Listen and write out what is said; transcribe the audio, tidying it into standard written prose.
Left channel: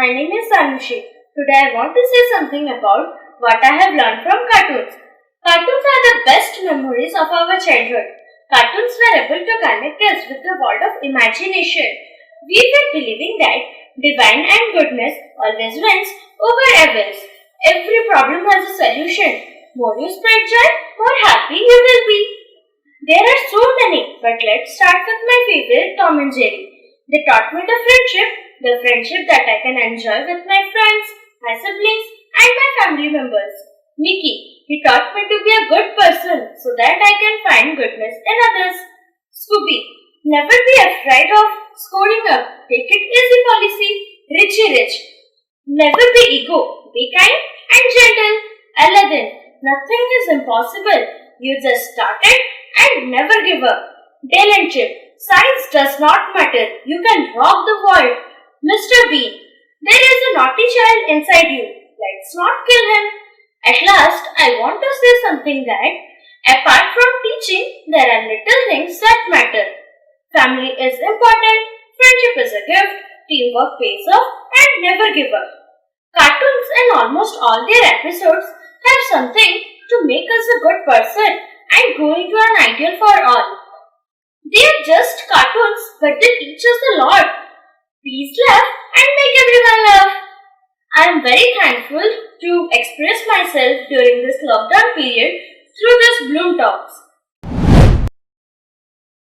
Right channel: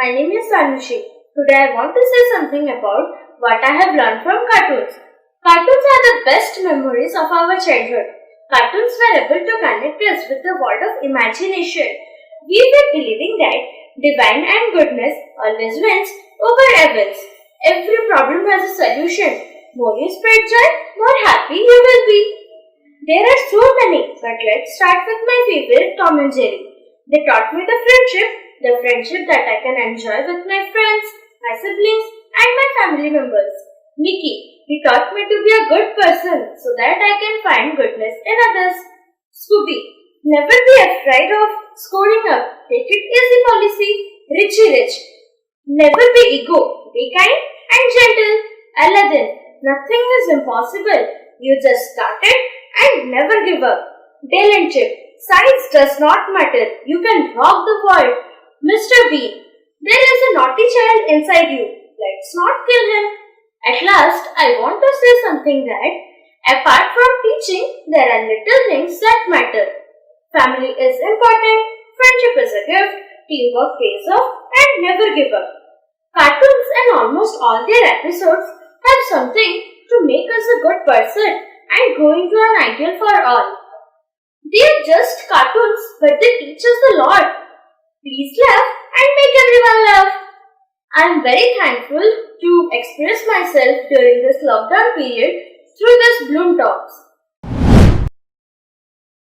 My name is Sanushi. Today I want to say something about what I have learned from cartoons. Cartoons are the best memories of our childhood. Cartoons were able to connect us with the world of imagination. We were believing that divine and goodness always wins over evils. Every problem has a solution. More you spread joy, more happy you will be. There are so many, but let's start with my favorite, Tom and Jerry. They taught me the friendship that I can enjoy with my friends, my siblings, and my family members. Mickey, he taught me to be a good person so that I can find goodness in others. Scooby, never be afraid of scoring up. Take it easy policy. Richie Rich, never be ego. Be kind and gentle. Aladdin, nothing is impossible. You just start it and never give up. Dale and Chip, science does not matter. You can rock the world. Mr. Bean, there is a naughty child inside you. Let's not kill him. At last, I want to say something that, apart from teaching, there are little things that matter. Family is important, friendship is a gift, teamwork pays off, and never give up. Cartoons and almost all their episodes have something to make us a good person and go into an ideal for all. They are just cartoons, but they teach us a lot. Please laugh and make everyone laugh. I am very thankful to express myself during this lockdown period through this Bloom Talks.